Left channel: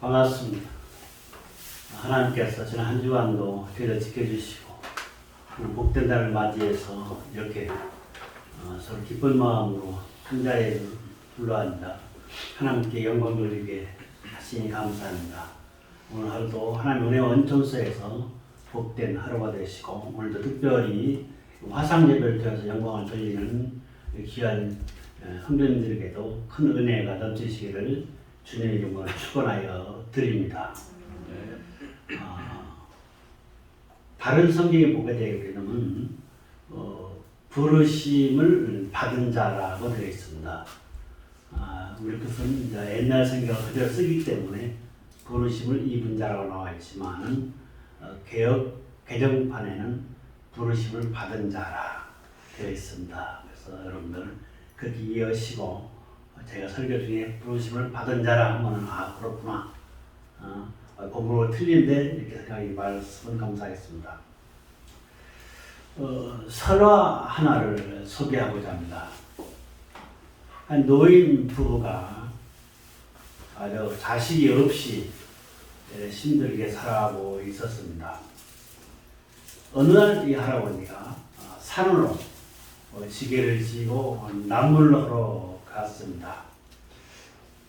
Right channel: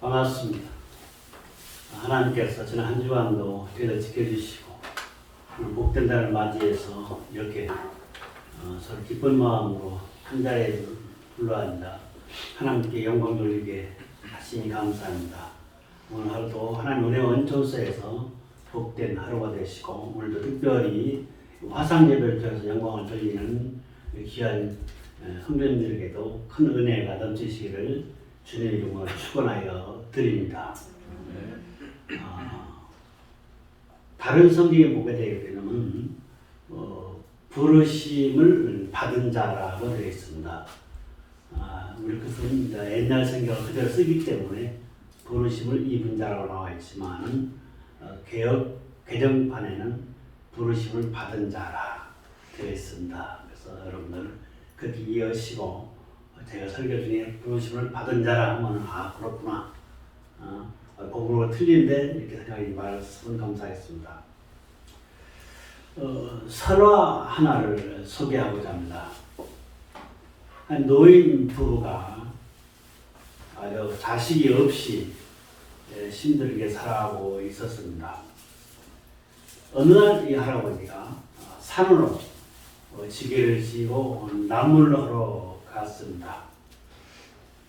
반갑습니다. 하나님께서 지난 한 주간도 저희를 지켜주시고 오늘 복된 날을 맞이해서 이렇게 서로 기쁜 마음으로 한 자리에 불러앉아 하나님께 영광 돌리게 하시니 감사합니다. 오늘 하루도 하나님 은혜 원천소에서 복된 하루가 되시고 오늘도 특별히 화상 예배를 통해서 영광을 돌리는 귀한 성도님들에게도 큰 은혜가 넘치시기를 주님의 이름으로 축원하여 드립니다. 다른 성경에 보게 되게 되면 부르심을 받은 자라고 되어 있습니다. 우리 것은 옛날 성경을 그대로 쓰기 때문에 부르심을 입은 자라고 나와 있지만 개정판에는 부르심을 받은 자라 되어 있습니다. 그래서 여러분들 그렇게 이해하시고 제가 설교 중에 부르심을 받은 자라 하면 그렇구나. 복음으로 틀린데 이렇게 생각이 말씀은 감사했습니다. 설화 하나를 소개하고자 합니다. 한 노인 부부가 자식이 없이 힘들게 살아가고 있었습니다. 어느 날 이 할아버지가 산으로 지게를 지고 나물로 갔습니다.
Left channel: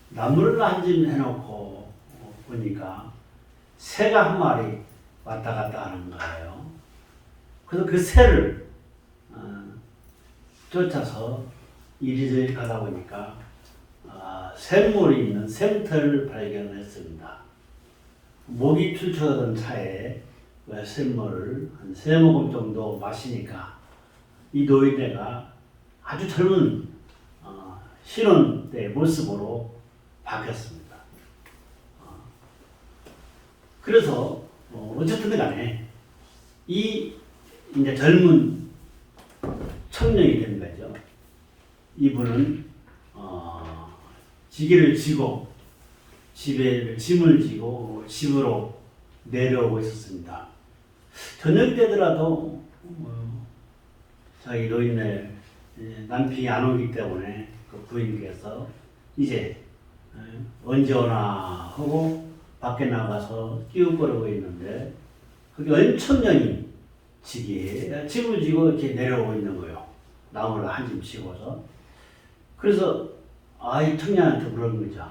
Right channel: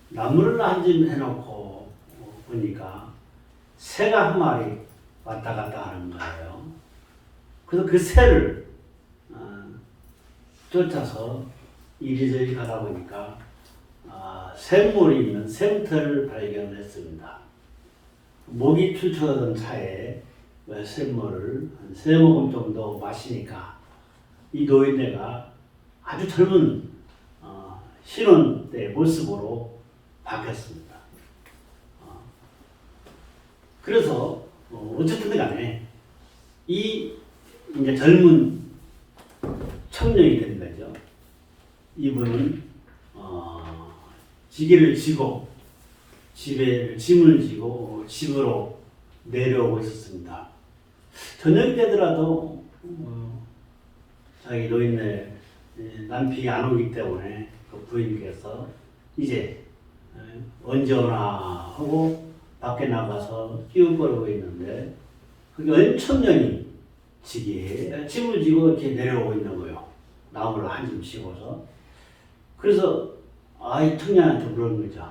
나물을 한 줌 해놓고 보니까 새가 한 마리 왔다 갔다 하는 거예요. 그래서 그 새를 쫓아서 이리저리 가다 보니까 샘물이 있는 샘터를 발견을 했습니다. 목이 출출하던 차에 샘물을 한 3모금 정도 마시니까 이 노인네가 아주 젊은 신혼 때 모습으로 바뀌었습니다. 그래서 어쨌든 간에 이 이제 젊은 청년이 된 거죠. 이분은 지게를 지고 짐을 지고 집으로 내려오고 있었습니다. 저녁 되더라도 자기 노인네 남편이 안 오기 때문에 그 부인께서 이제 언제 오나 하고 밖에 나가서 끼우거리고 있는데 그게 엄청년이 짐을 지고 이렇게 내려오고 있는 거예요. 나무를 한 줌 씌워서. 그래서 이 청년한테 물은 거죠.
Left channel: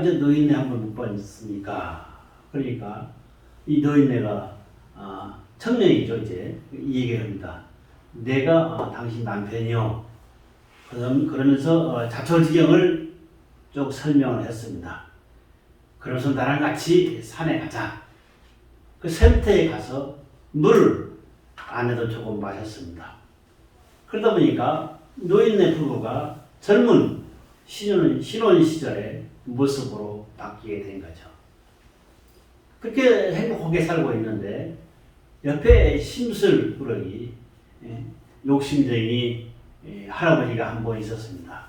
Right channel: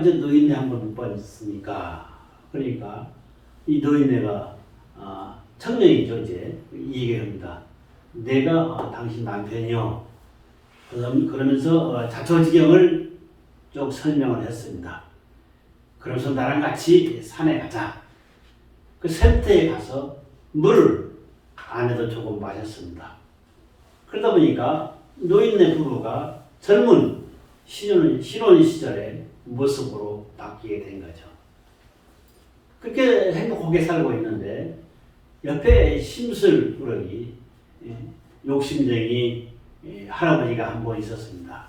이제 노인네 한번 못 봤습니까? 그러니까 이 노인네가 청년이죠. 이제 이 얘기합니다. 내가 당신 남편이요. 그러면서 자초지경을 쭉 설명을 했습니다. 그래서 나랑 같이 산에 가자. 그 샘터에 가서 물을 안에도 조금 마셨습니다. 그러다 보니까 노인네 부부가 젊은 신혼 시절의 모습으로 바뀌게 된 거죠. 그렇게 행복하게 살고 있는데 옆에 심술부러기 욕심쟁이 할아버지가 한 분 있었습니다.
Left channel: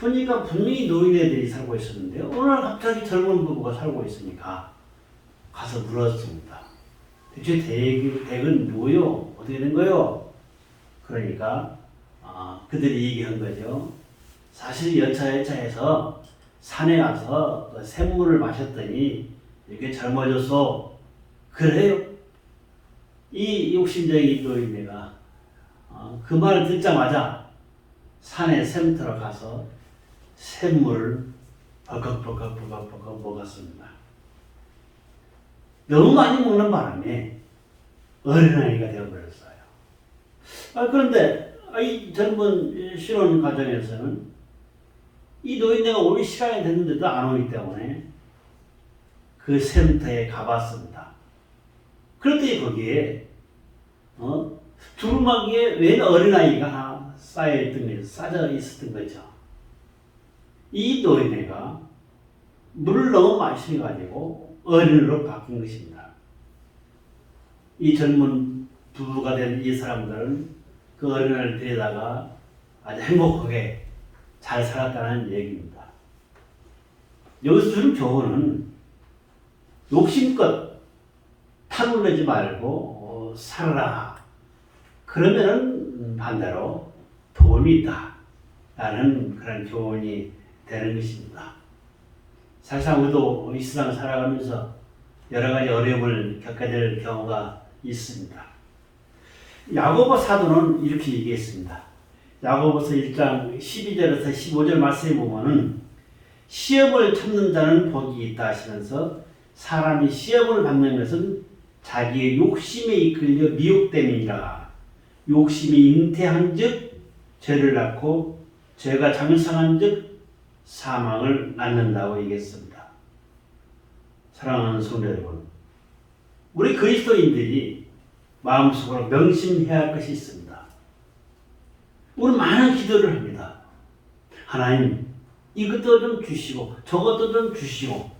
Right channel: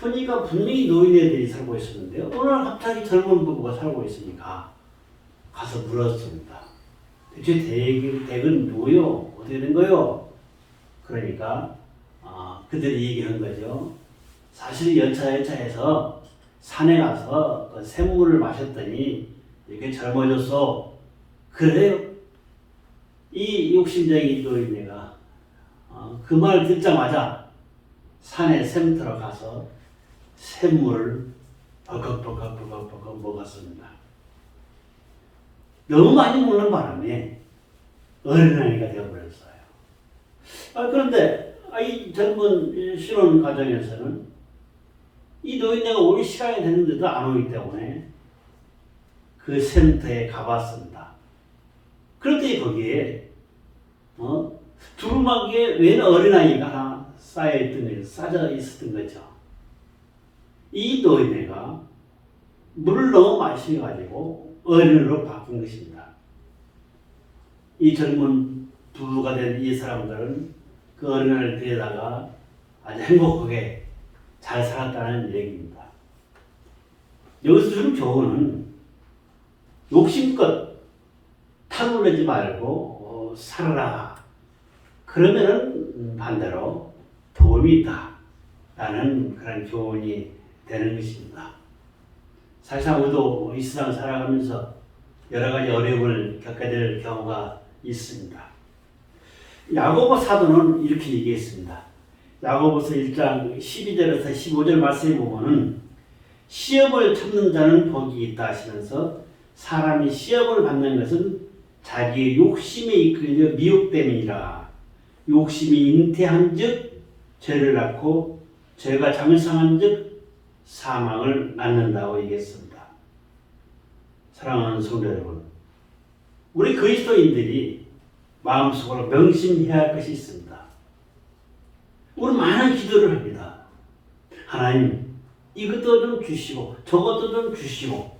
보니까 분명히 노인네들이 살고 있었는데 어느 날 갑자기 젊은 부부가 살고 있으니까 가서 물었습니다. 대체 댁은 누구요? 어떻게 된 거요? 그러니까 그들이 얘기한 거죠. 사실 여차여차해서 산에 가서 샘물을 마셨더니 이렇게 젊어졌어. 그래요? 이 욕심쟁이 노인네가 그 말 듣자마자 산에 샘터로 가서 샘물을 버걱버걱 먹었습니다. 너무 많이 먹는 바람에 어린아이가 되어버렸어요. 그런데 이 젊은 신혼 가정에서는 이 노인네가 올 시간이 됐는데도 안 오기 때문에 그 샘터에 가봤습니다. 그런데 거기에 두루마기에 웬 어린아이가 하나 싸져 있었던 거죠. 이 노인네가 물을 너무 마셔가지고 어린으로 바꾼 것입니다. 이 젊은 부부가 된 이 사람들은 그 어린아이를 데려다가 아주 행복하게 잘 살았다는 얘기입니다. 여기서 준 교훈은 욕심껏 탐을 내지 말고 살아라. 그러면은 반대로 도움이 있다. 라는 그런 교훈이 되는 것입니다. 사실상 우리도 이 세상 살아가면서 여러 가지 어려움을 겪게 될 경우가 있습니다. 야고보 사도는 이렇게 얘기했습니다. 야고보서 1장 12절에서 15절 말씀에 보면은 시험을 참는 자는 복이 있다 하시면서 사람이 시험을 받는 것은 자기의 욕심에 이끌려 미혹됨이니라. 욕심이 잉태한 즉 죄를 낳고 죄가 장성한 즉 사망을 낳는다고 얘기했습니다. 사랑하는 성도 여러분, 우리 그리스도인들이 마음속으로 명심해야 할 것이 있습니다. 우리 많은 기도를 합니다. 하나님, 이것도 좀 주시고 저것도 좀 주시고,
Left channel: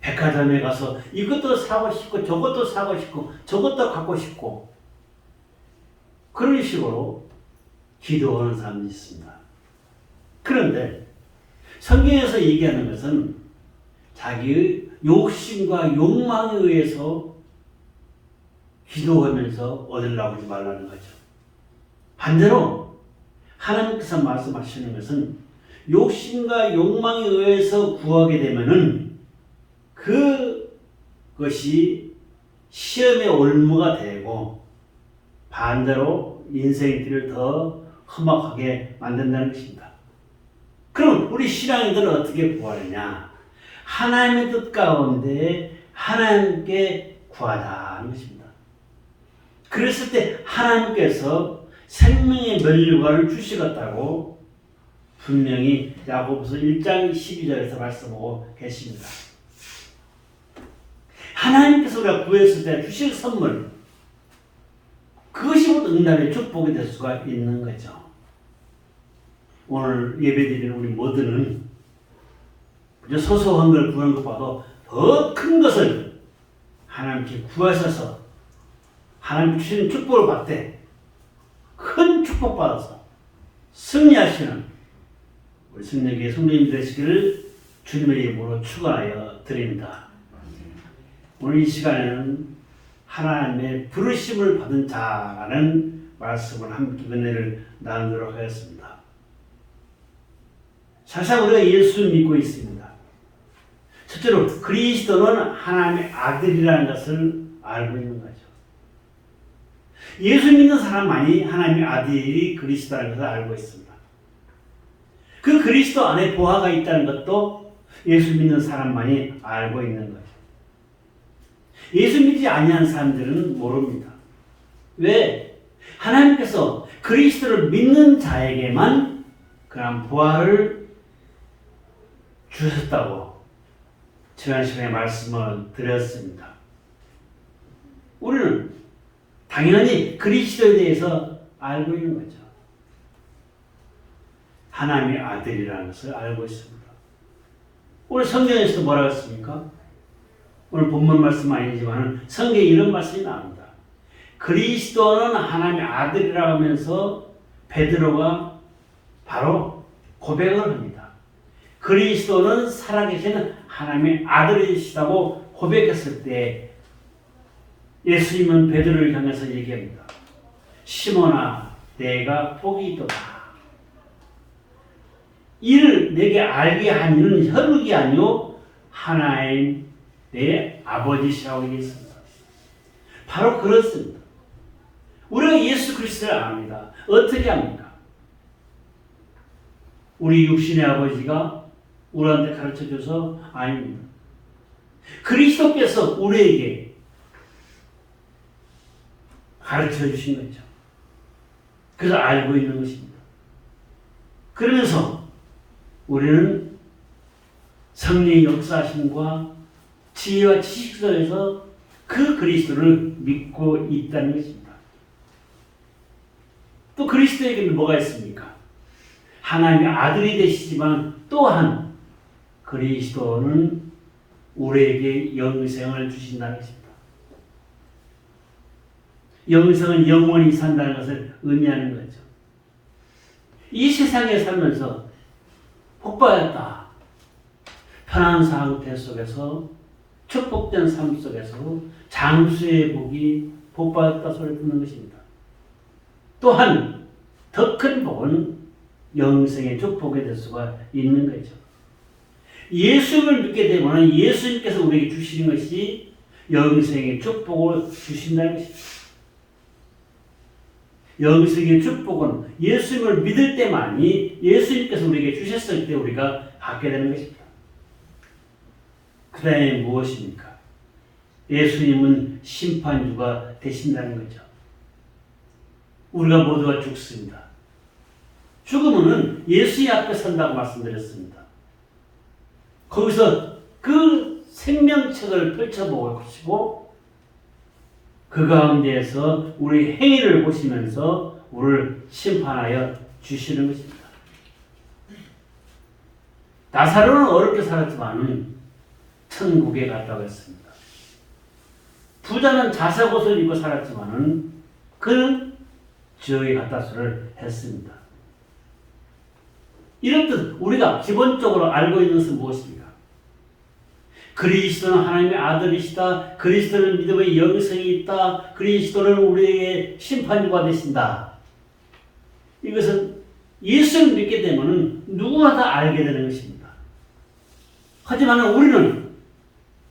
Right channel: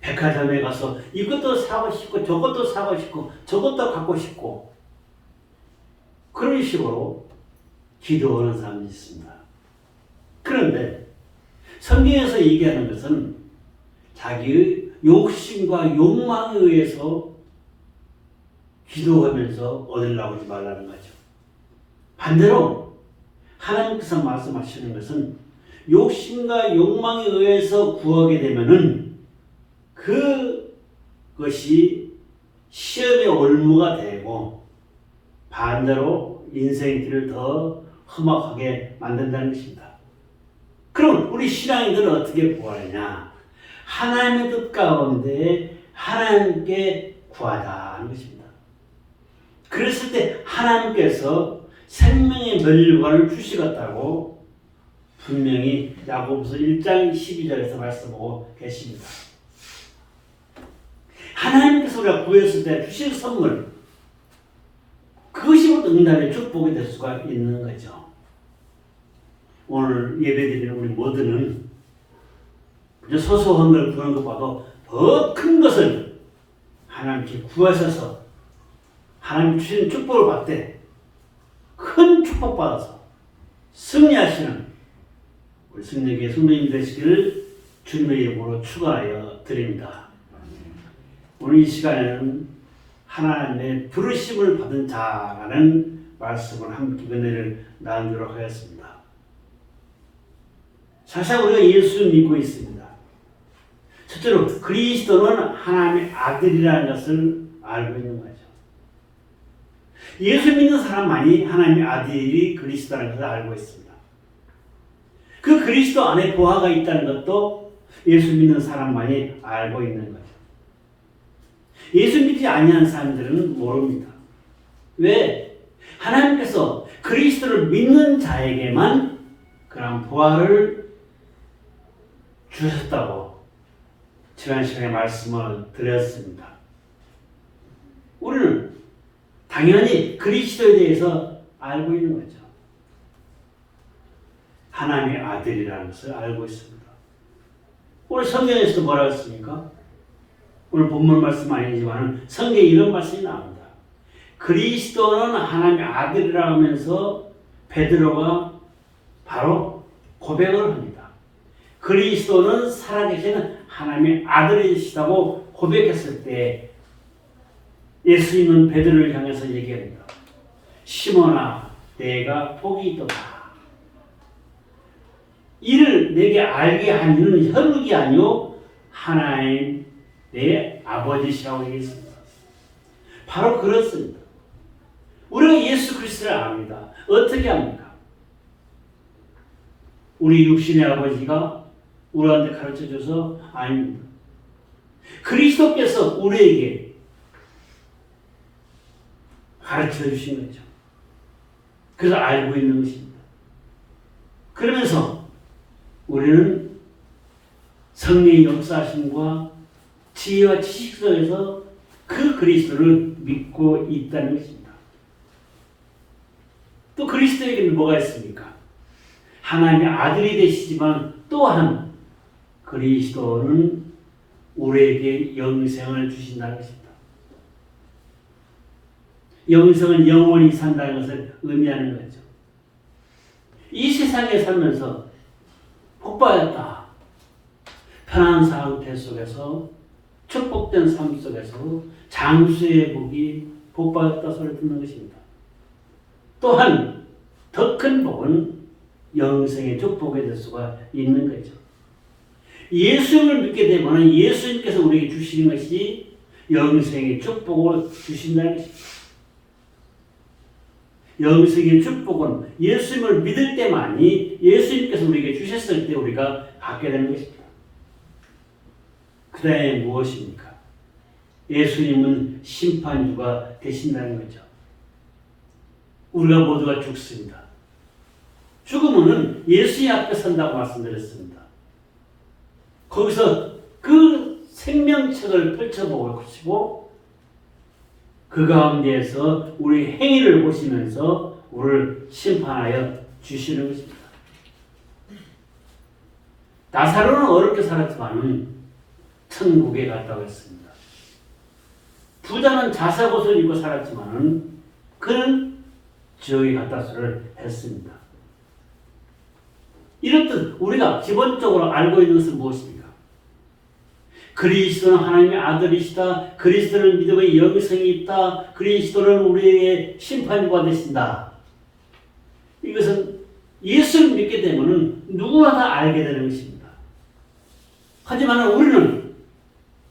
백화점에 가서 이것도 사고 싶고 저것도 사고 싶고 저것도 갖고 싶고, 그런 식으로 기도하는 사람이 있습니다. 그런데 성경에서 얘기하는 것은 자기의 욕심과 욕망에 의해서 기도하면서 얻으려고 하지 말라는 거죠. 반대로 하나님께서 말씀하시는 것은 욕심과 욕망에 의해서 구하게 되면은 그것이 시험의 올무가 되고 반대로 인생의 길을 더 험악하게 만든다는 것입니다. 그럼 우리 신앙인들은 어떻게 구하느냐? 하나님의 뜻 가운데 하나님께 구하자는 것입니다. 그랬을 때 하나님께서 생명의 면류관을 주시겠다고 분명히 야고보서 1장 12절에서 말씀하고 계십니다. 하나님께서 우리가 구했을 때 주신 선물, 그것이 응답의 축복이 될 수가 있는 거죠. 오늘 예배드리는 우리 모두는 소소한 걸 구하는 것보다 더 큰 것을 하나님께 구하셔서 하나님 주시는 축복을 받되 큰 축복 받아서 승리하시는 우리 승리교회 성도님 되시기를 주님의 이름으로 축원하여 드립니다. 오늘 이 시간에는 하나님의 부르심을 받은 자라는 말씀을 함께 은혜를 나누도록 하겠습니다. 사실 우리가 예수를 믿고 있습니다. 첫째로 그리스도는 하나님의 아들이라는 것을 알고 있는 거죠. 예수 믿는 사람만이 하나님의 아들이 그리스도라는 것을 알고 있습니다. 그 그리스도 안에 보화가 있다는 것도 예수 믿는 사람만이 알고 있는 거죠. 예수 믿지 아니한 사람들은 모릅니다. 왜? 하나님께서 그리스도를 믿는 자에게만 그런 보화를 주셨다고 지난 시간에 말씀을 드렸습니다. 우리는 당연히 그리스도에 대해서 알고 있는 거죠. 하나님의 아들이라는 것을 알고 있습니다. 오늘 성경에서 뭐라고 했습니까? 오늘 본문 말씀 아니지만 성경에 이런 말씀이 나옵니다. 그리스도는 하나님의 아들이라고 하면서 베드로가 바로 고백을 합니다. 그리스도는 살아계신 하나님의 아들이시다고 고백했을 때 예수님은 베드로를 향해서 얘기합니다. 시몬아, 내가 복이 있도다. 이를 내게 알게 한 이는 혈육이 아니요 하나님 내 아버지시라고 얘기했습니다. 바로 그렇습니다. 우리가 예수 그리스도를 압니다. 어떻게 합니까? 우리 육신의 아버지가 우리한테 가르쳐줘서 아닙니다. 그리스도께서 우리에게 가르쳐주신 거죠. 그래서 알고 있는 것입니다. 그러면서 우리는 성령의 역사하심과 지혜와 지식 속에서 그 그리스도를 믿고 있다는 것입니다. 또 그리스도에게는 뭐가 있습니까? 하나님의 아들이 되시지만 또한 그리스도는 우리에게 영생을 주신다는 것입니다. 영생은 영원히 산다는 것을 의미하는 거죠. 이 세상에 살면서 복받았다. 편안한 상태 속에서 축복된 삶 속에서 장수의 복이 복받았다 소리를 듣는 것입니다. 또한 더 큰 복은 영생의 축복이 될 수가 있는 거죠. 예수를 믿게 되면 예수님께서 우리에게 주시는 것이 영생의 축복을 주신다는 것입니다. 영생의 축복은 예수님을 믿을 때만이 예수님께서 우리에게 주셨을 때 우리가 받게 되는 것입니다. 그 다음에 무엇입니까? 예수님은 심판주가 되신다는 거죠. 우리가 모두가 죽습니다. 죽으면 예수의 앞에 선다고 말씀드렸습니다. 거기서 그 생명책을 펼쳐보시고 그 가운데에서 우리 행위를 보시면서 우리를 심판하여 주시는 것입니다. 나사로는 어렵게 살았지만 천국에 갔다고 했습니다. 부자는 자석옷을 입고 살았지만 그는 저기 갔다서를 했습니다. 이렇듯 우리가 기본적으로 알고 있는 것은 무엇입니까? 그리스도는 하나님의 아들이시다. 그리스도는 믿음의 영생이 있다. 그리스도는 우리에게 심판주가 되신다. 이것은 예수를 믿게 되면 누구나 다 알게 되는 것입니다. 하지만 우리는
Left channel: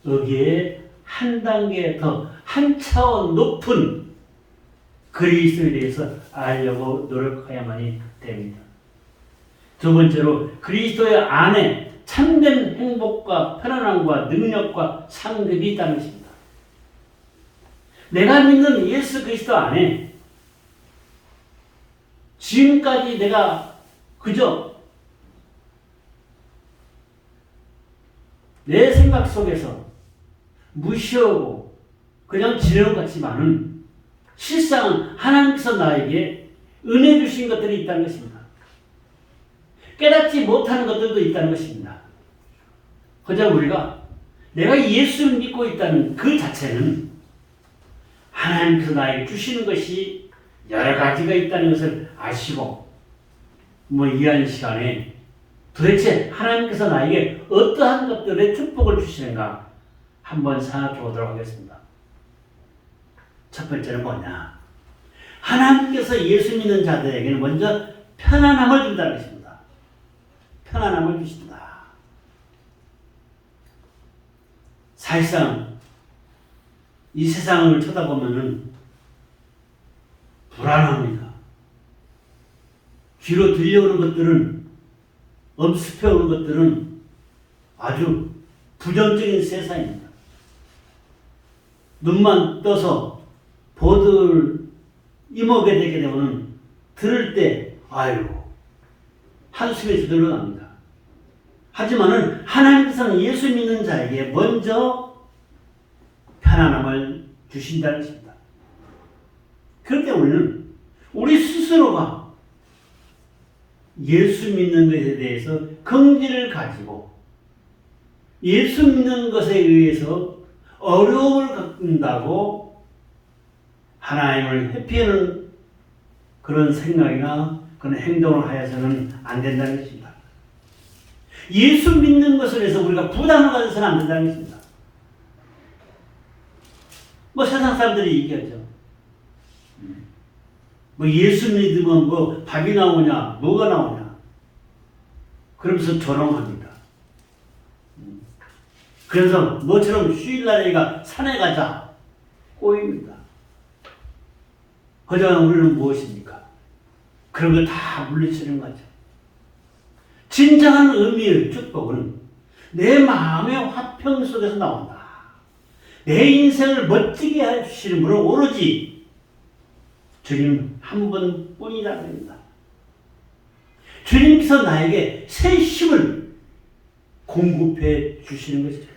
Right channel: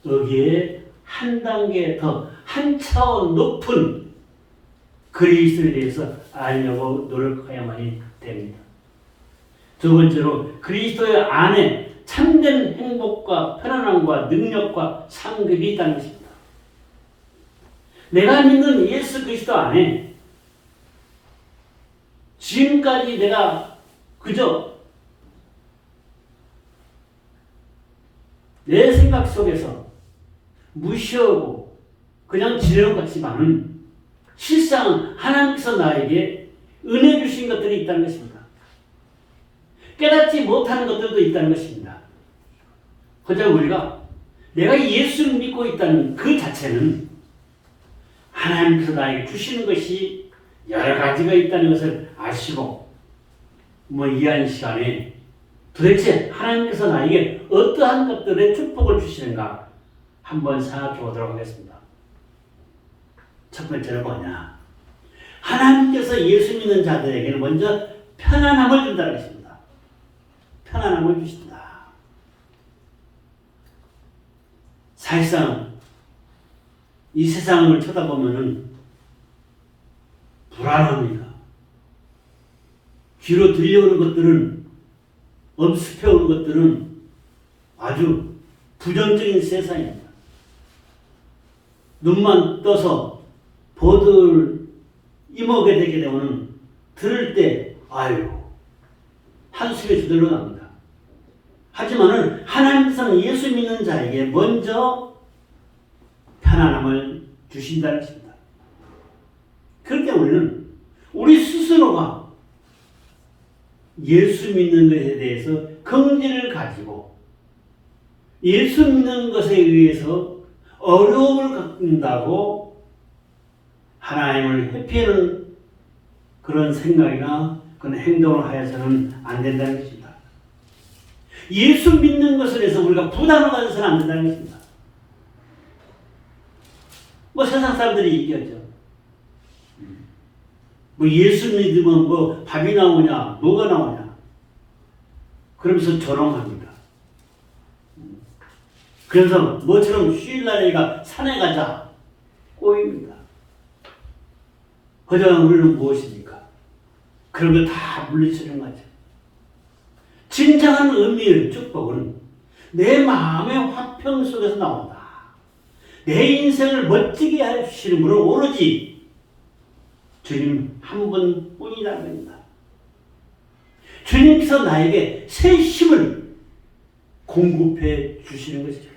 여기에 한 단계 더, 한 차원 높은 그리스도에 대해서 알려고 노력해야만이 됩니다. 두 번째로 그리스도의 안에 참된 행복과 편안함과 능력과 상급이 있다는 것입니다. 내가 믿는 예수 그리스도 안에 지금까지 내가 그저 내 생각 속에서 무시하고 그냥 지내는 것 같지만은 실상 하나님께서 나에게 은혜 주신 것들이 있다는 것입니다. 깨닫지 못하는 것들도 있다는 것입니다. 그저 우리가 내가 예수를 믿고 있다는 그 자체는 하나님께서 나에게 주시는 것이 여러 가지가 있다는 것을 아시고 이한 시간에 도대체 하나님께서 나에게 어떠한 것들의 축복을 주시는가 한번 생각해 보도록 하겠습니다. 첫 번째는 뭐냐? 하나님께서 예수 믿는 자들에게는 먼저 편안함을 준다는 것입니다. 편안함을 주신다. 사실상 이 세상을 쳐다보면은 불안합니다. 귀로 들려오는 것들은, 엄습해 오는 것들은 아주 부정적인 세상입니다. 눈만 떠서 보들 임하게 되게 되면 들을 때 아유 한숨에 저절로 납니다. 하지만은 하나님께서는 예수 믿는 자에게 먼저 편안함을 주신다는 것입니다. 그럴 때 우리는 우리 스스로가 예수 믿는 것에 대해서 긍지를 가지고 예수 믿는 것에 의해서 어려움을 겪는다고 하나님을 회피하는 그런 생각이나 그런 행동을 하여서는 안 된다는 것입니다. 예수 믿는 것을 해서 우리가 부담을 가져서는 안 된다는 것입니다. 세상 사람들이 얘기하죠. 예수 믿으면 밥이 나오냐, 뭐가 나오냐. 그러면서 조롱합니다. 그래서 뭐처럼 휴일날에가 산에 가자. 꼬입니다. 하지만 우리는 무엇입니까? 그런 걸 다 물리치는 거죠. 진정한 의미의 축복은 내 마음의 화평 속에서 나온다. 내 인생을 멋지게 해주시는 분은 오로지 주님 한 분뿐이라는 겁니다. 주님께서 나에게 새 힘을 공급해 주시는 것이죠.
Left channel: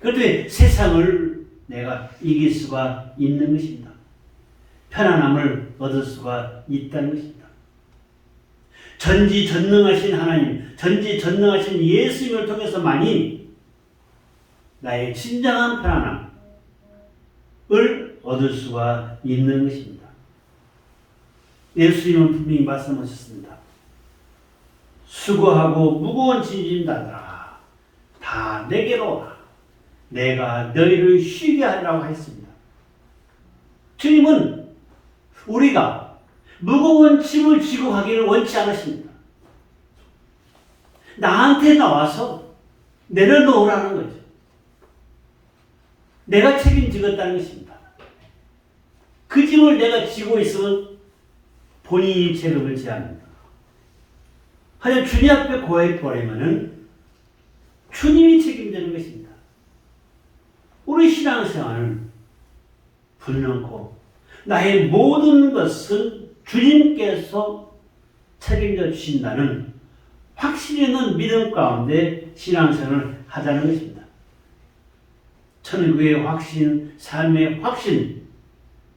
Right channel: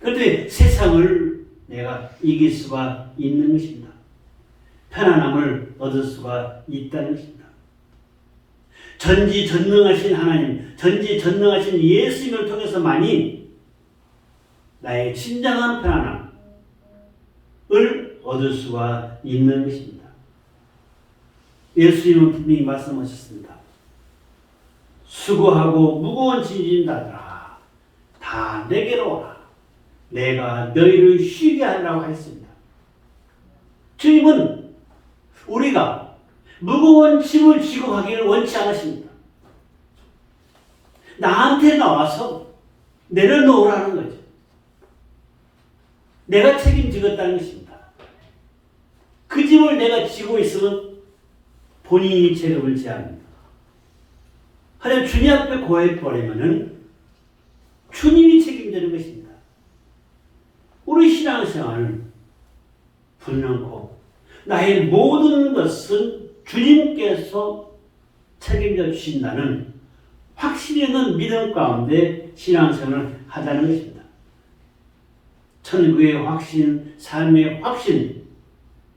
그런데 세상을 내가 이길 수가 있는 것입니다. 편안함을 얻을 수가 있다는 것입니다. 전지전능하신 하나님, 전지전능하신 예수님을 통해서만이 나의 진정한 편안함을 얻을 수가 있는 것입니다. 예수님은 분명히 말씀하셨습니다. 수고하고 무거운 짐진 자들아 다 내게로 와. 내가 너희를 쉬게 하려고 했습니다. 주님은 우리가 무거운 짐을 지고 가기를 원치 않으십니다. 나한테 나와서 내려놓으라는 거죠. 내가 책임지겠다는 것입니다. 그 짐을 내가 지고 있으면 본인이 책임을 져야 합니다. 하여간 주님 앞에 고해버리면은 주님이 책임지는 것입니다. 우리 신앙생활은 분명코 나의 모든 것은 주님께서 책임져 주신다는 확실히 있는 믿음 가운데 신앙생활을 하자는 것입니다. 천국의 확신, 삶의 확신,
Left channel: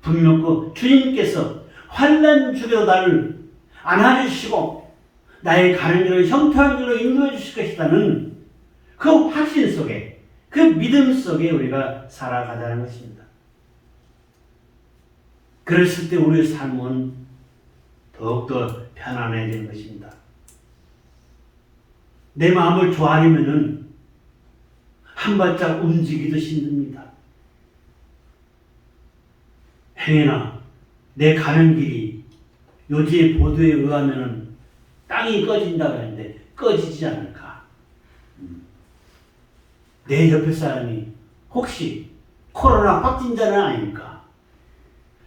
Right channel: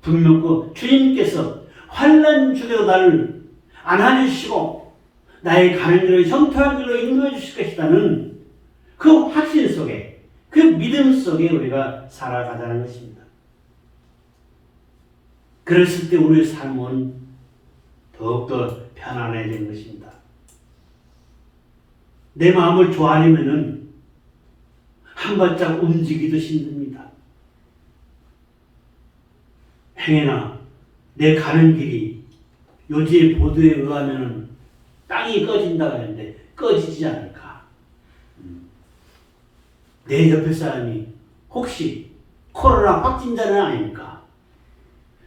분명코 주님께서 환난 중에도 나를 안아주시고 나의 가는 길을 형통한 길로 인도해 주실 것이라는 그 확신 속에, 그 믿음 속에 우리가 살아가자는 것입니다. 그랬을 때 우리의 삶은 더욱더 편안해지는 것입니다. 내 마음을 조아리면은 한 발짝 움직이기도 힘듭니다. 행여나 내 가는 길이 요즘의 보도에 의하면은 땅이 꺼진다고 하는데 꺼지지 않을까? 내 옆에 사람이 혹시 코로나 확진자는 아닙니까?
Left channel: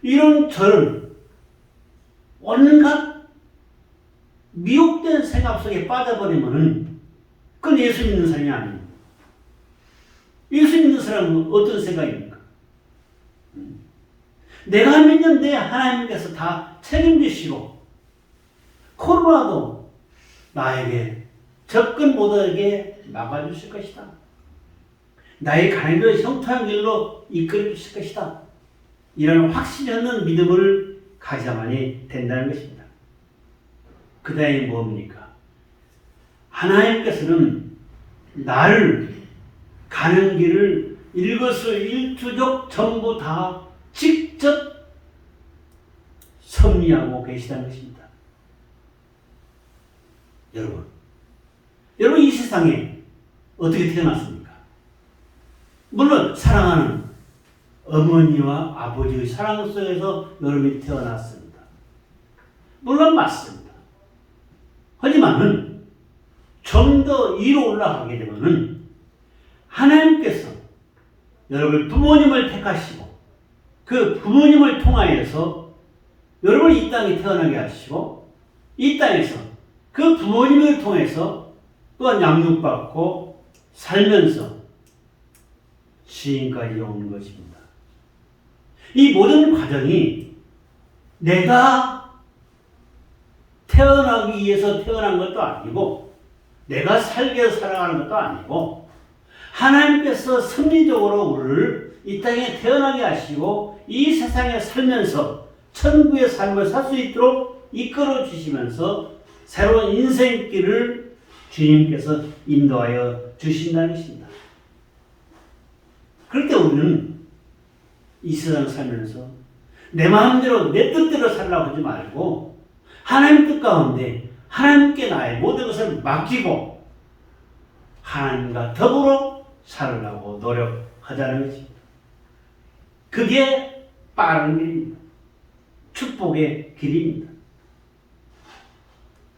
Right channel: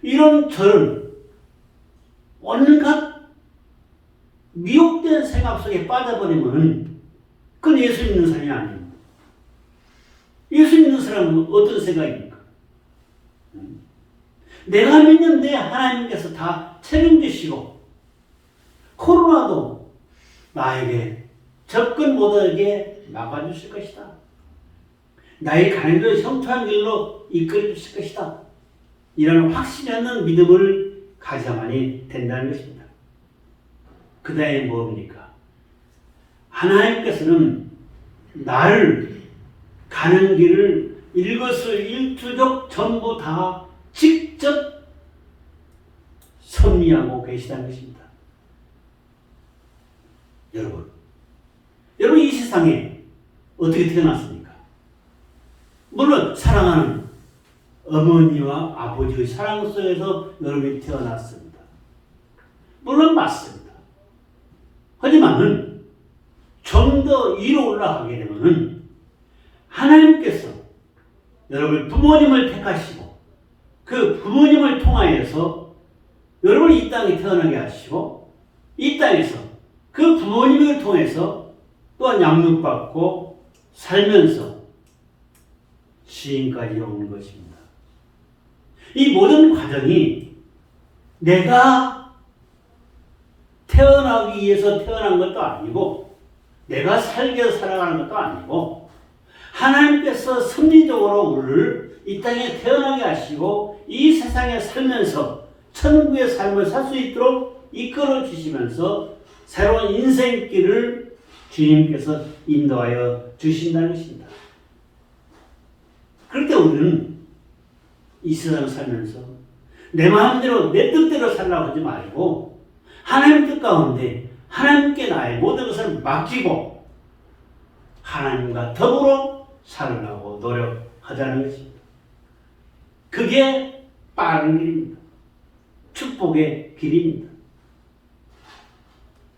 이런 저는 온갖 미혹된 생각 속에 빠져버리면은 그건 예수 믿는 사람이 아닙니다. 예수 믿는 사람은 어떤 생각입니까? 내가 믿는데 하나님께서 다 책임지시고 코로나도 나에게 접근 못하게 막아주실 것이다. 나의 가는 길을 형통한 길로 이끌어 주실 것이다. 이런 확신이 없는 믿음을 가져야만이 된다는 것입니다. 그 다음에 뭡니까? 하나님께서는 나를 가는 길을 일거수일투족 전부 다 직접 섭리하고 계시다는 것입니다. 여러분 이 세상에 어떻게 태어났습니까? 물론 사랑하는 어머니와 아버지의 사랑 속에서 여러분이 태어났습니다. 물론 맞습니다. 하지만은 좀 더 위로 올라가게 되면은 하나님께서 여러분 부모님을 택하시고 그 부모님을 통하여서 여러분이 이 땅에 태어나게 하시고 이 땅에서 그 부모님을 통해서 또한 양육받고 살면서 시인까지 오는 것입니다. 이 모든 과정이 내가 태어나기 위해서 태어난 것도 아니고 내가 살기 위해서 살아가는 것도 아니고 하나님께서 섭리적으로 우리를 이 땅에 태어나게 하시고 이 세상에 살면서 천국의 삶을 살 수 있도록 이끌어 주시면서 새로운 인생길을 주님께서 인도하여 주신다는 것입니다. 그럴 때 우리는 이 세상을 살면서 내 마음대로 내 뜻대로 살라고 하지 말고 하나님 뜻 가운데 하나님께 나의 모든 것을 맡기고 하나님과 더불어 살으려고 노력하자는 것입니다. 그게 빠른 길입니다. 축복의 길입니다.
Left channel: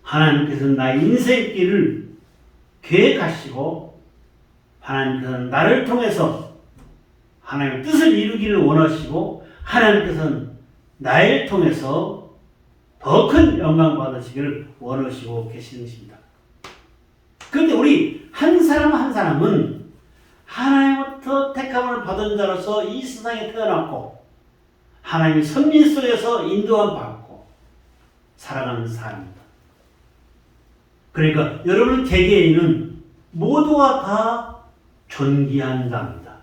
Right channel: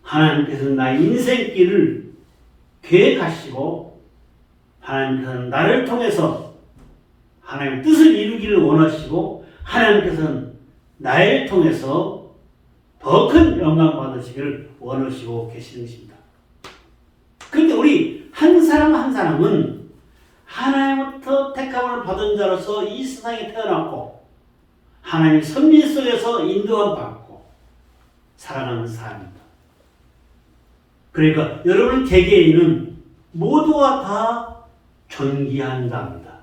하나님께서는 나의 인생길을 계획하시고 하나님께서는 나를 통해서 하나님의 뜻을 이루기를 원하시고 하나님께서는 나를 통해서 더 큰 영광 받으시기를 원하시고 계시는 것입니다. 그런데 우리 한 사람 한 사람은 하나님부터 택함을 받은 자로서 이 세상에 태어났고 하나님의 섭리 속에서 인도함 받고 살아가는 사람입니다. 그러니까 여러분 개개인은 모두가 다 존귀한 자입니다.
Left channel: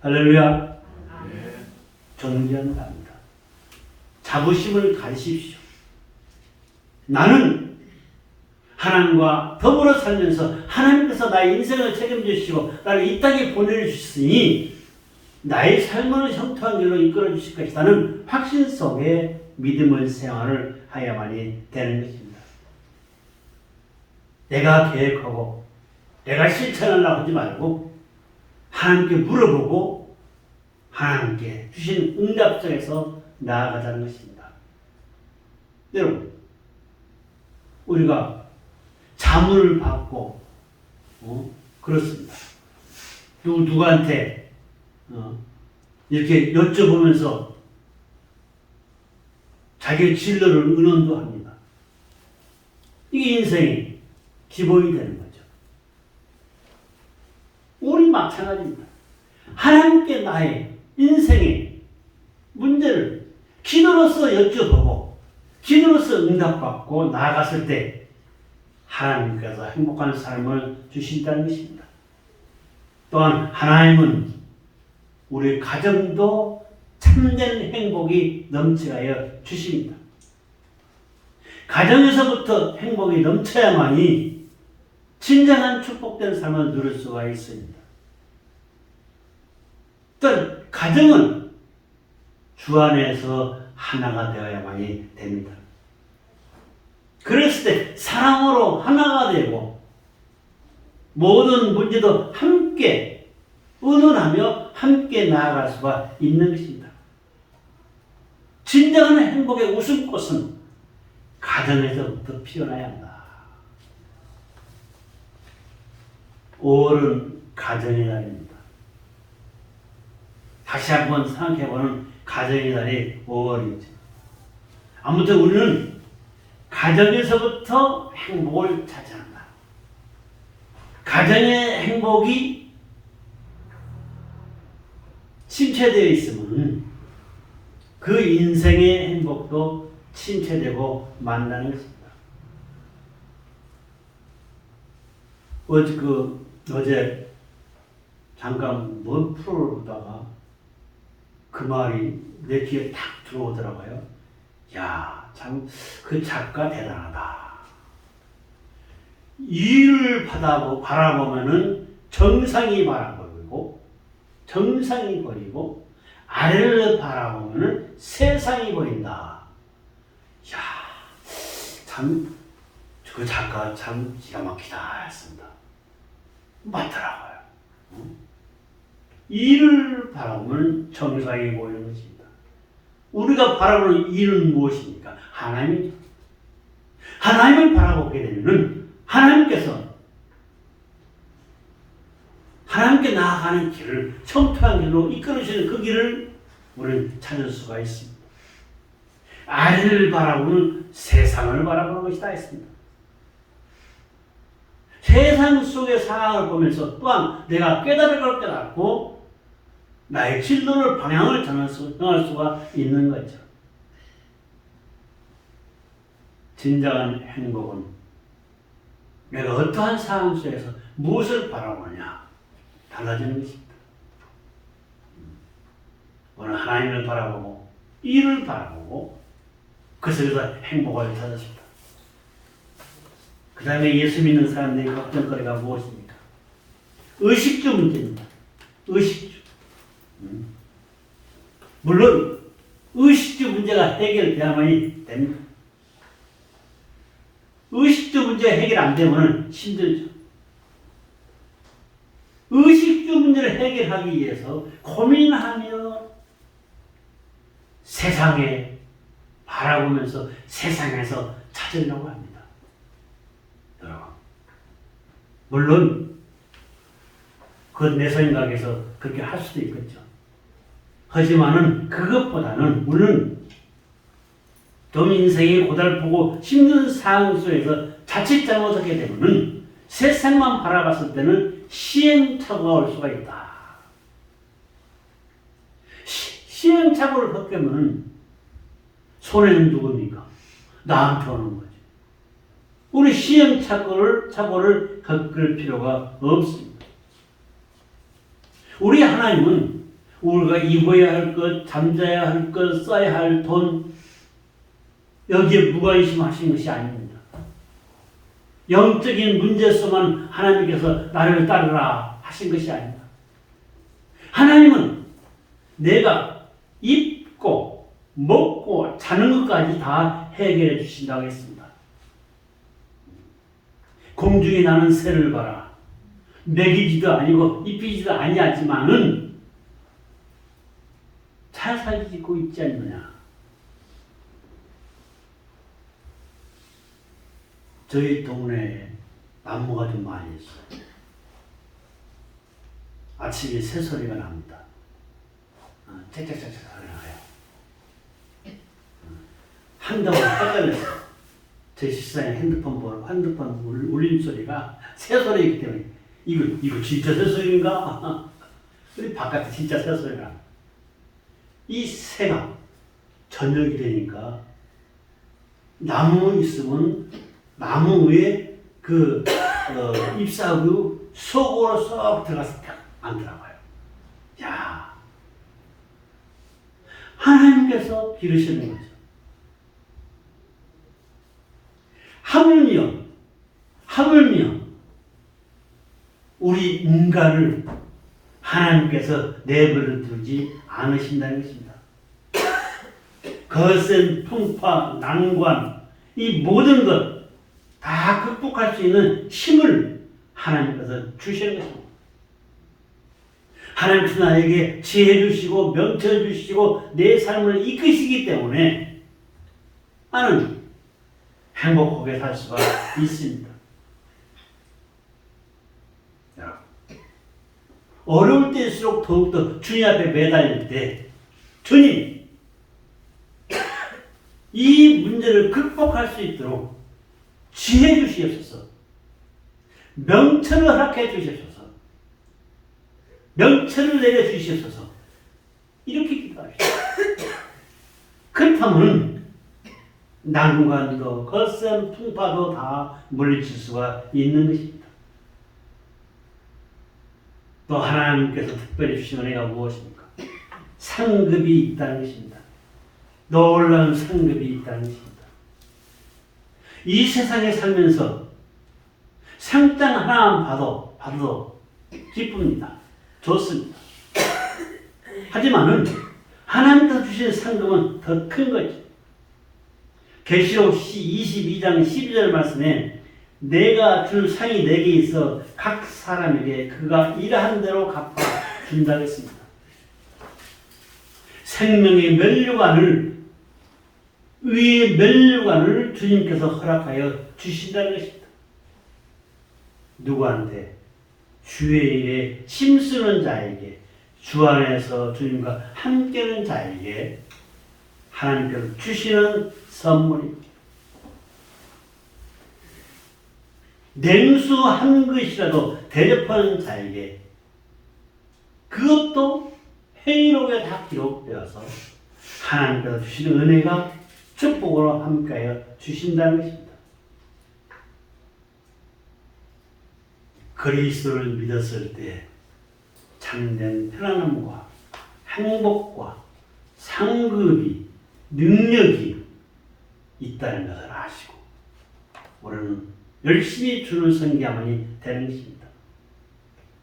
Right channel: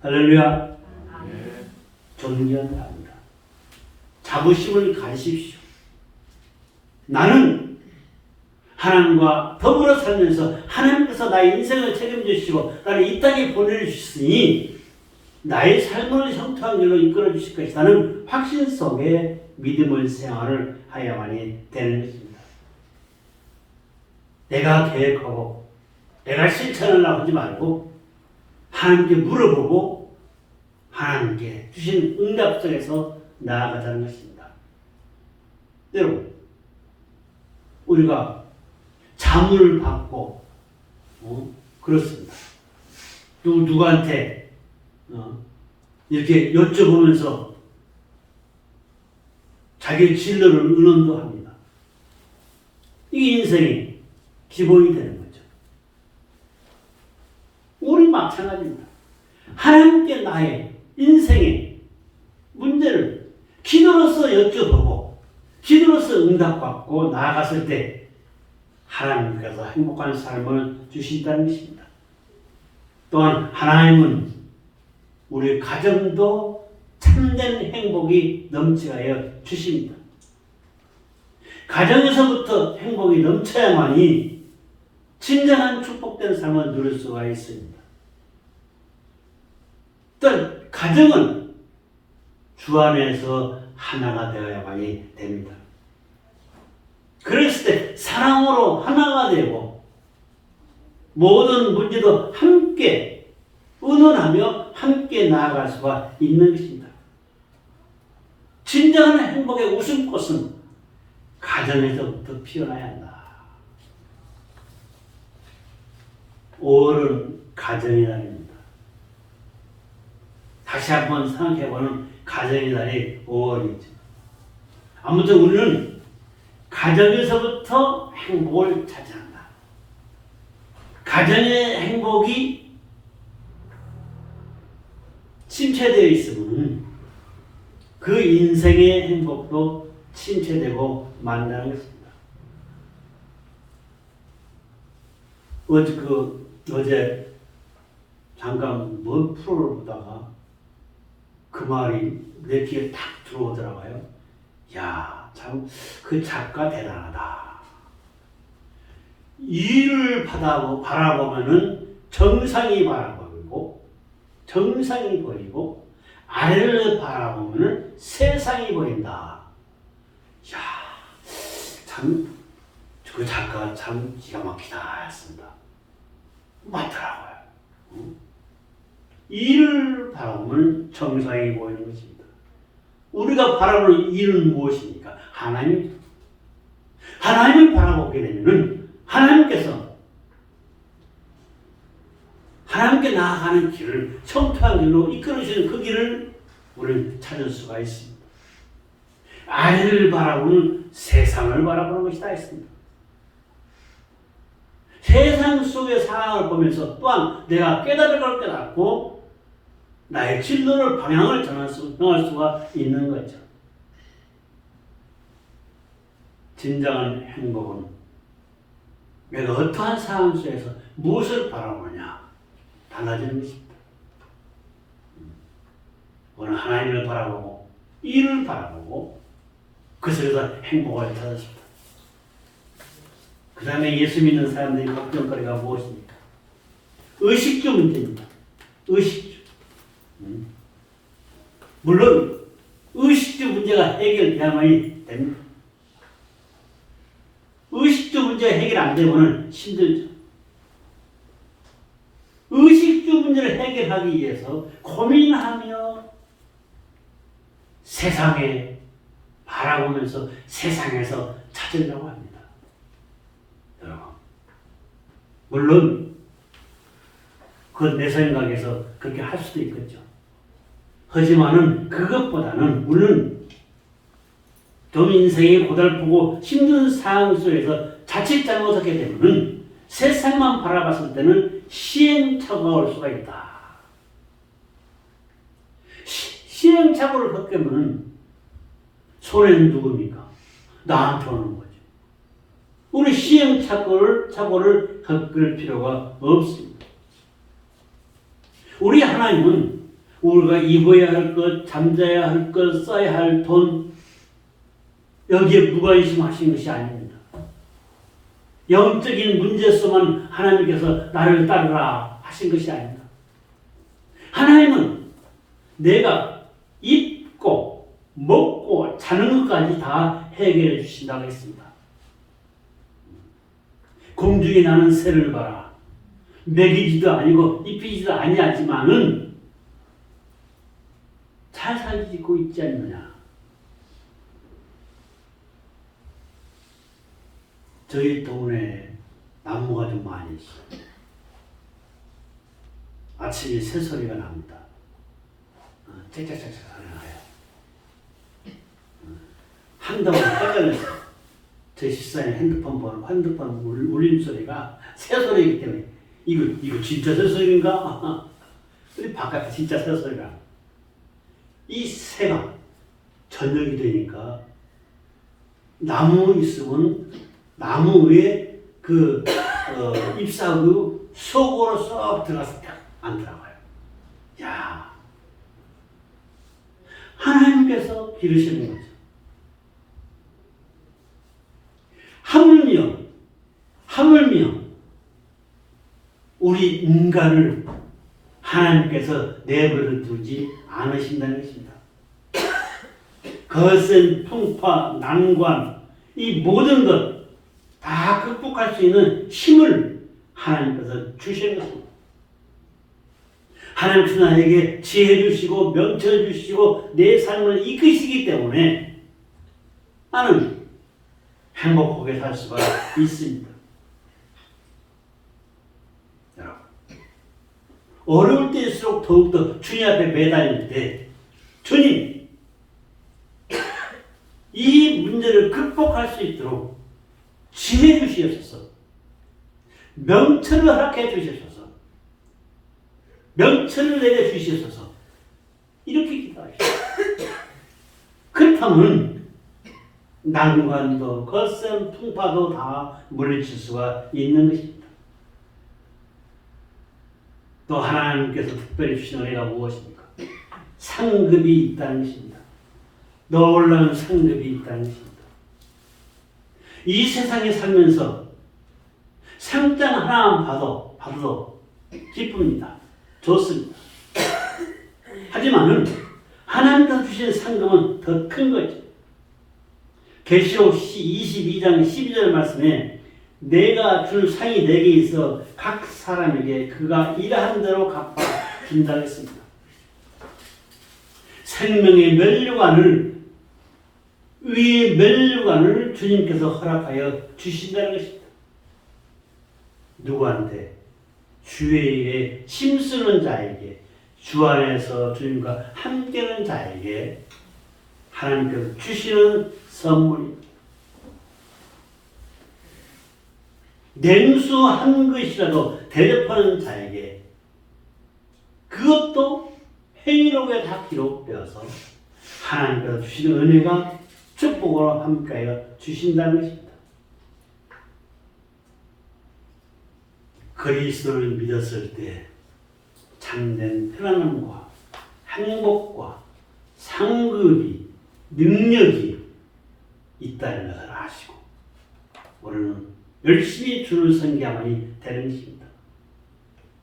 할렐루야. 존귀한 자입니다. 자부심을 가지십시오. 나는 하나님과 더불어 살면서 하나님께서 나의 인생을 책임지시고 나를 이 땅에 보내주셨으니 나의 삶을 형통한 길로 이끌어 주실 것이라는 확신 속에 믿음의 생활을 하야만이 되는 것입니다. 내가 계획하고 내가 실천하려고 하지 말고 하나님께 물어보고 하나님께 주신 응답 속에서 나아가자는 것입니다. 여러분, 우리가 자문을 받고 그렇습니다. 누구한테 이렇게 여쭤보면서 자기의 진로를 의논도 합니다. 이게 인생의 기본이 되는 거죠. 우리 마찬가지입니다. 하나님께 나의 인생의 문제를 기도로서 여쭤보고 기도로서 응답받고 나아갔을 때 하나님께서 행복한 삶을 주신다는 것입니다. 또한 하나님은 우리 가정도 참된 행복이 넘쳐야 주십니다. 가정에서부터 행복이 넘쳐야만이 진정한 축복된 삶을 누릴 수가 있습니다. 또 가정은 주 안에서 하나가 되어야만이 됩니다. 그랬을 때 사랑으로 하나가 되고 모든 문제도 함께 의논하며 함께 나아갈 수가 있는 것입니다. 진정한 행복의 웃음꽃은 가정에서부터 피어나야 한다. 5월은 가정의 달입니다. 다시 한번 생각해보는 가정의 달이 5월이죠. 아무튼 우리는 가정에서부터 행복을 찾아간다. 가정의 행복이 침체되어 있으면 그 인생의 행복도 침체되고 만다는 것입니다. 어제 잠깐 뭔 프로를 보다가 그 말이 내 귀에 탁 들어오더라고요. 야, 참 그 작가 대단하다. 일을 바라보면은 정상이 바라보이고 정상이 보이고 아래를 바라보면은 세상이 보인다. 야, 참 그 작가가 참 기가 막히다 했습니다. 맞더라고요. 일을 바라보면 정상이 보이는 것입니다. 우리가 바라보는 일은 무엇입니까? 하나님입니다. 하나님을 바라보게 되면 하나님께서 하나님께 나아가는 길을 청토한 길로 이끌어주시는 그 길을 우리는 찾을 수가 있습니다. 아래를 바라보는 세상을 바라보는 것이다 했습니다. 세상 속의 상황을 보면서 또한 내가 깨달을 걸 깨닫고 나의 진로를 방향을 정할 수가 있는 거죠. 진정한 행복은 내가 어떠한 상황 속에서 무엇을 바라보느냐 달라지는 것입니다. 오늘 하나님을 바라보고 일을 바라보고 그 속에서 행복을 찾았습니다. 그 다음에 예수 믿는 사람들의 걱정거리가 무엇입니까? 의식주 문제입니다. 의식주. 물론 의식주 문제가 해결돼야만이 됩니다. 의식주 문제 해결 안 되면 힘들죠. 의식주 문제를 해결하기 위해서 고민하며 세상에 바라보면서 세상에서 찾으려고 합니다. 물론 그건 내 생각에서 그렇게 할 수도 있겠죠. 하지만은 그것보다는 우리는 좀 인생이 고달프고 힘든 상황 속에서 자칫 잘못하게 되면 세상만 바라봤을 때는 시행착오가 올 수가 있다. 시행착오를 겪으면 손해는 누굽니까? 나한테 오는 거지. 우리 시행착오를 겪을 필요가 없습니다. 우리 하나님은 우리가 입어야 할 것, 잠자야 할 것, 써야 할 돈 여기에 무관심하신 것이 아닙니다. 영적인 문제에서만 하나님께서 나를 따르라 하신 것이 아닙니다. 하나님은 내가 입고 먹고 자는 것까지 다 해결해 주신다고 했습니다. 공중에 나는 새를 봐라. 먹이지도 아니고 입히지도 아니하지만은 잘 살고 있지 않느냐. 저희 동네에 나무가 좀 많이 있어요. 아침에 새소리가 납니다. 짹짹짹짹 소리가 나요. 한동안 깜짝놀랐어요. 제 집사람이 핸드폰 울림 소리가 새소리이기 때문에 이거 진짜 새소리인가? 근데 바깥에 진짜 새소리가. 이 새가 저녁이 되니까 나무 있으면 나무 위에 잎사귀 속으로 쏙 들어가서 안 들어가요. 야, 하나님께서 기르시는 거죠. 하물며 우리 인간을 하나님께서 내버려 두지 않으신다는 것입니다. 거센 풍파, 난관, 이 모든 것 다 극복할 수 있는 힘을 하나님께서 주시는 것입니다. 하나님께서 나에게 지혜 주시고 명철 주시고 내 삶을 이끄시기 때문에 나는 행복하게 살 수가 있습니다. 어려울 때일수록 더욱더 주님 앞에 매달릴 때 주님, 이 문제를 극복할 수 있도록 지혜 주시옵소서. 명철을 허락해 주시옵소서. 명철을 내려 주시옵소서. 이렇게 기도하시오. 그렇다면 난관도 거센 풍파도 다 물리칠 수가 있는 것입니다. 또 하나님께서 특별히 주신 은혜가 무엇입니까? 상급이 있다는 것입니다. 놀라운 상급이 있다는 것입니다. 이 세상에 살면서 상장 하나만 봐도 기쁩니다. 좋습니다. 하지만은 하나님께서 주신 상급은 더 큰 거죠. 계시록 22장 12절 말씀에 내가 줄 상이 내게 있어 각 사람에게 그가 일한 대로 갚아 준다고 했습니다. 생명의 면류관을 의의 면류관을 주님께서 허락하여 주신다는 것입니다. 누구한테? 주의 일에 힘쓰는 자에게, 주 안에서 주님과 함께하는 자에게 하나님께서 주시는 선물입니다. 냉수 한 것이라도 대접하는 자에게 그것도 행위록에 다 기록되어서 하나님께서 주시는 은혜가 축복으로 함께하여 주신다는 것입니다. 그리스도를 믿었을 때 참된 편안함과 행복과 상급이 능력이 있다는 것을 아시고 우리는 열심히 주를 섬겨야만이 되는 것입니다.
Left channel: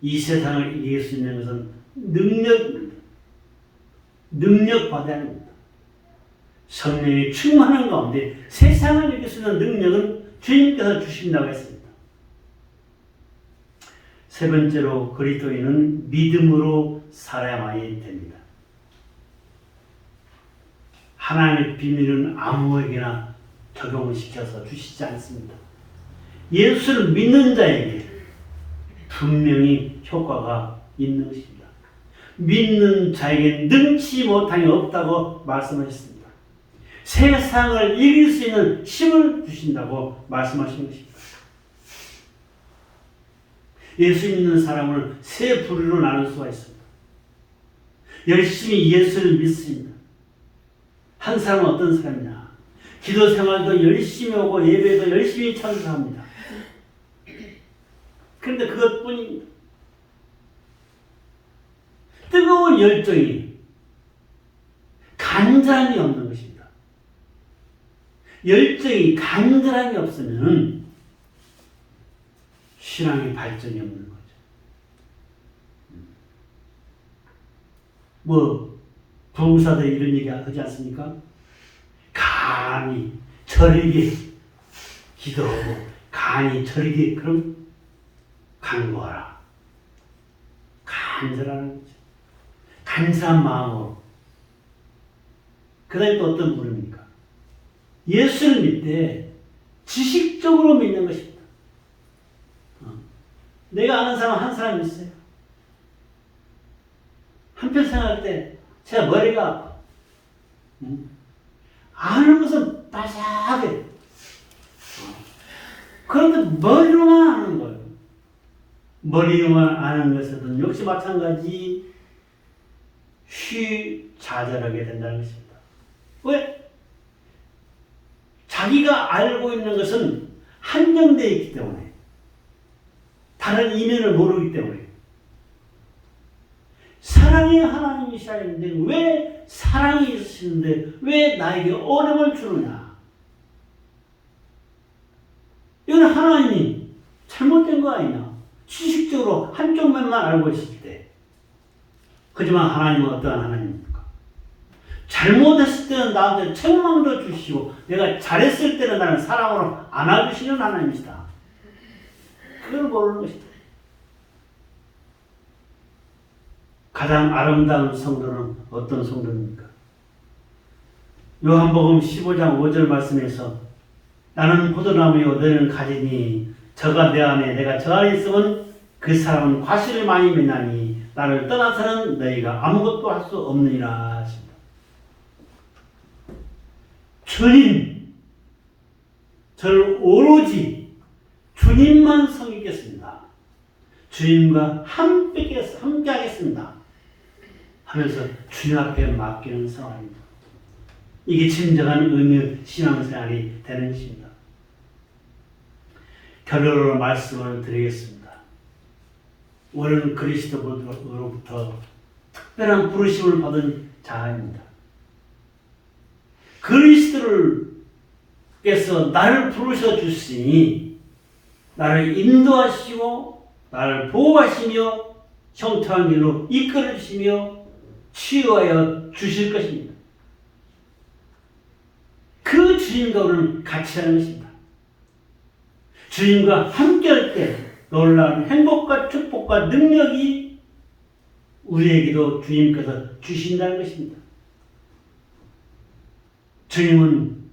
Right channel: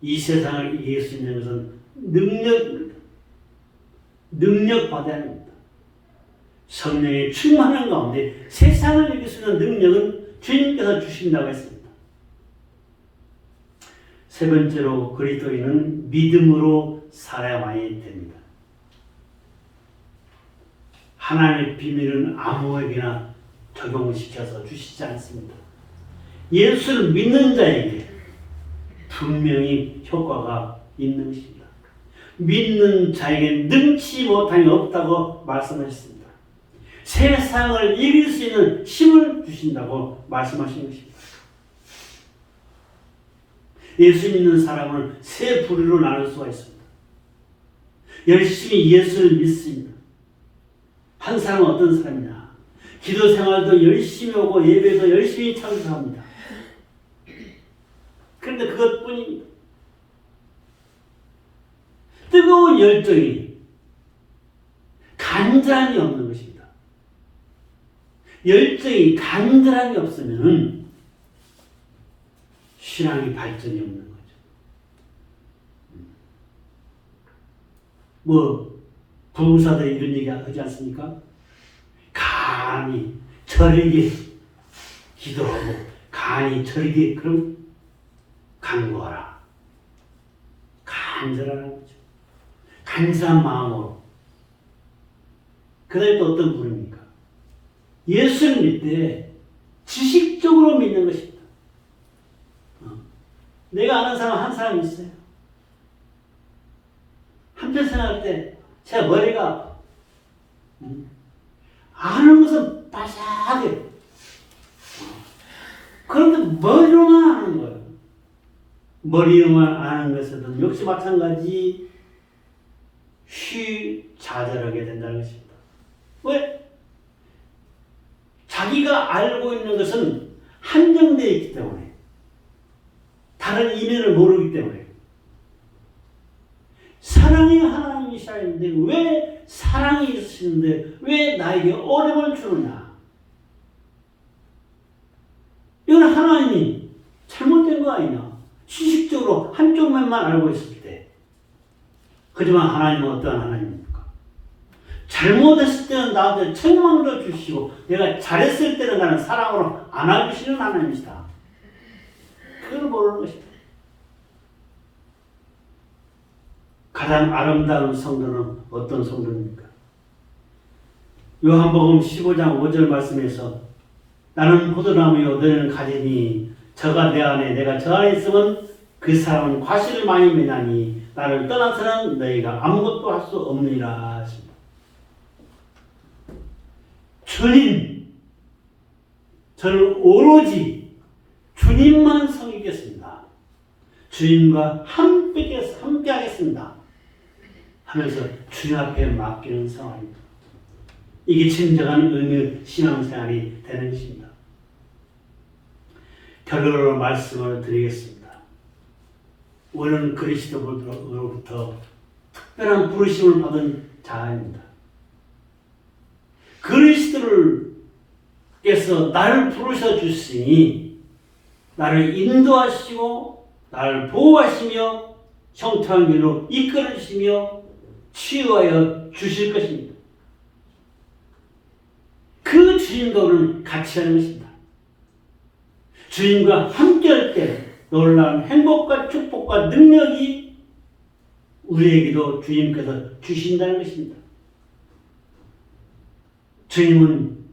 이 세상을 이길 수 있는 것은 능력입니다. 능력받아야 합니다. 성령의 충만한 가운데 세상을 이길 수 있는 능력은 주님께서 주신다고 했습니다. 세 번째로 그리스도인은 믿음으로 살아야만이 됩니다. 하나님의 비밀은 아무에게나 적용을 시켜서 주시지 않습니다. 예수를 믿는 자에게 분명히 효과가 있는 것입니다. 믿는 자에게 능치 못함이 없다고 말씀하셨습니다. 세상을 이길 수 있는 힘을 주신다고 말씀하신 것입니다. 예수 믿는 사람을 세 부류로 나눌 수가 있습니다. 열심히 예수를 믿습니다. 한 사람은 어떤 사람이냐? 기도 생활도 열심히 오고 예배도 열심히 참석합니다. 그런데 그것뿐입니다. 뜨거운 열정이 간절함이 없는 것입니다. 열정이 간절함이 없으면 신앙의 발전이 없는 거죠. 부흥사들이 이런 얘기 하지 않습니까? 간이 저리게 기도하고 간이 저리게 그럼 간구하라. 간절하는 거죠. 간절한 마음으로. 그 다음에 또 어떤 분입니까? 예수를 믿되 지식적으로 믿는 것입니다. 내가 아는 사람 한 사람 있어요. 한편 생각할 때 제가 머리가 아파. 아는 것은 바삭해. 그런데 머리로만 아는 거예요. 머리로만 아는 것은 역시 마찬가지 좌절하게 된다는 것입니다. 왜? 자기가 알고 있는 것은 한정되어 있기 때문에, 다른 이면을 모르기 때문에. 사랑이 하나님이시는데 왜 사랑이 있으시는데 왜 나에게 어려움을 주느냐? 이건 하나님이 잘못된 거 아니냐? 지식적으로 한쪽 면만 알고 있을 때. 하지만 하나님은 어떠한 하나님입니까? 잘못했을 때는 나한테 책망도 주시고 내가 잘했을 때는 나는 사랑으로 안아주시는 하나님이시다. 그걸 모르는 것이다. 가장 아름다운 성도는 어떤 성도입니까? 요한복음 15장 5절 말씀에서 나는 포도나무요 너희는 가지니 저가 내 안에 내가 저 안에 있으면 그 사람은 과실을 많이 맺나니 나를 떠나서는 너희가 아무것도 할 수 없느니라 하십니다. 주님, 저는 오로지 주님만 섬기겠습니다. 주님과 함께 하겠습니다. 하면서 주님 앞에 맡기는 상황입니다. 이게 진정한 의미 신앙생활이 되는 것입니다. 결론으로 말씀을 드리겠습니다. 우리는 그리스도로부터 특별한 부르심을 받은 자입니다. 그리스도께서 나를 부르셔 주시니 나를 인도하시고 나를 보호하시며 형통한 길로 이끌어 주시며 치유하여 주실 것입니다. 그 주님과 우리는 같이 하는 것입니다. 주님과 함께할 때 놀라운 행복과 축복과 능력이 우리에게도 주님께서 주신다는 것입니다. 주님은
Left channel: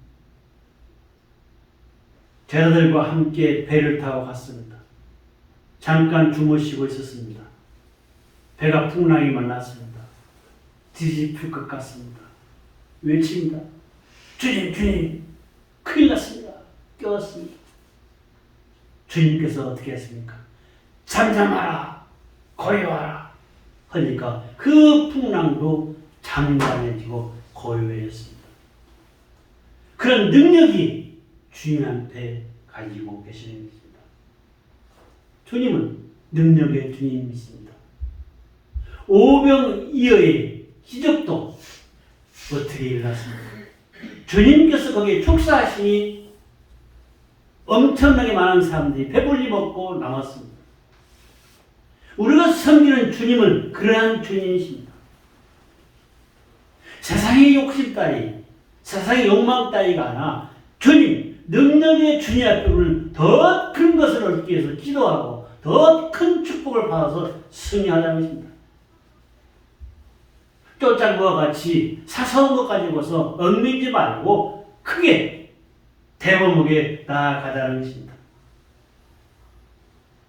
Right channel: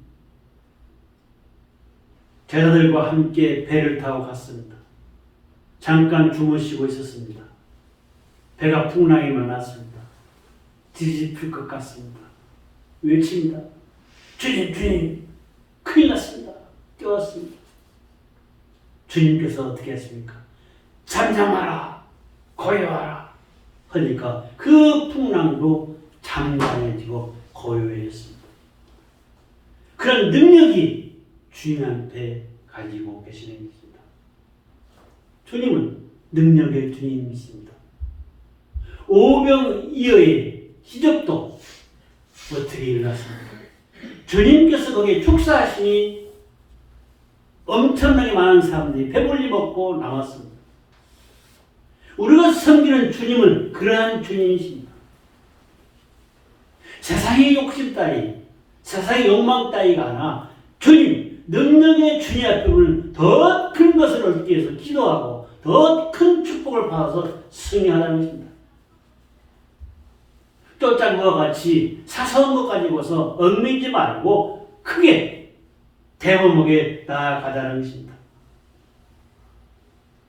제자들과 함께 배를 타고 갔습니다. 잠깐 주무시고 있었습니다. 배가 풍랑이 만났습니다. 뒤집힐 것 같습니다. 외칩니다. 주님, 주님, 큰일 났습니다. 깨웠습니다. 주님께서 어떻게 했습니까? 잠잠하라, 고요하라 하니까 그 풍랑도 잠잠해지고 고요해졌습니다. 그런 능력이 주님한테 가지고 계시는 것입니다. 주님은 능력의 주님이십니다. 오병이어의 기적도 어떻게 일어났습니까? 주님께서 거기에 축사하시니 엄청나게 많은 사람들이 배불리 먹고 남았습니다. 우리가 섬기는 주님은 그러한 주님이십니다. 세상의 욕심 따위, 세상의 욕망 따위가 아니라 주님, 능력의 주님 앞에 우리는 더 큰 것을 얻기 위해서 기도하고 더 큰 축복을 받아서 승리하자는 것입니다. 쫓아부와 같이 사소한 것 가지고서 얽매이지 말고 크게 대범하게 나아가자는 것입니다.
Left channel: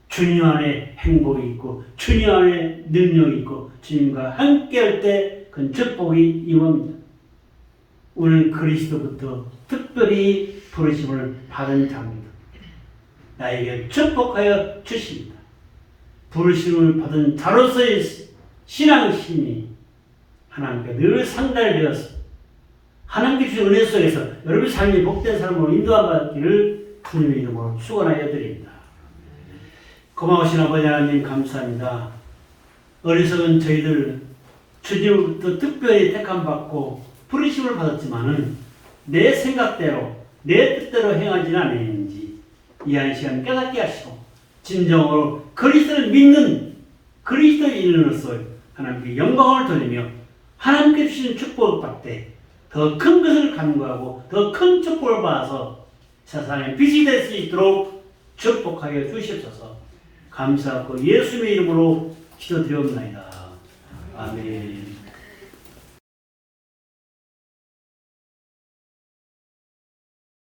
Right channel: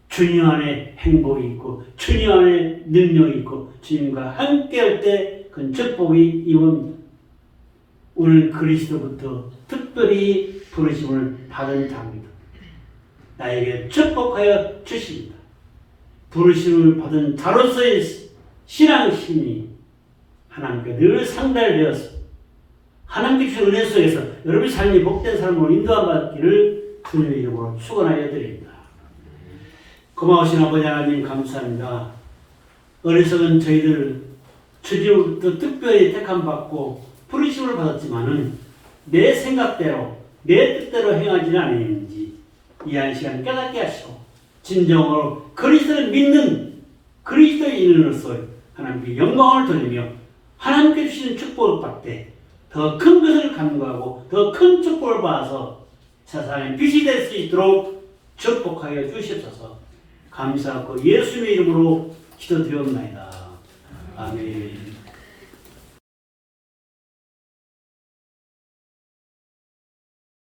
주님 안에 행복이 있고 주님 안에 능력이 있고 주님과 함께할 때 그 축복이 임합니다. 우리는 그리스도부터 특별히 부르심을 받은 자입니다. 나에게 축복하여 주십니다. 부르심을 받은 자로서의 신앙심이 하나님께 늘 상달되어서 하나님께 주신 은혜 속에서 여러분의 삶이 복된 삶으로 인도받기를 주님의 이름으로 축원하여 드립니다. 고마우신 아버지 하나님 감사합니다. 어리석은 저희들 주님으로부터 특별히 택함받고 부르심을 받았지만은 내 생각대로 내 뜻대로 행하지는 않았는지 이 한 시간 깨닫게 하시고 진정으로 그리스도를 믿는 그리스도인으로서 하나님께 영광을 돌리며 하나님께 주시는 축복을 받되 더 큰 것을 간구하고 더 큰 축복을 받아서 세상에 빛이 될 수 있도록 축복하여 주시옵소서. 감사하고 예수님의 이름으로 기도드리옵나이다. 아멘.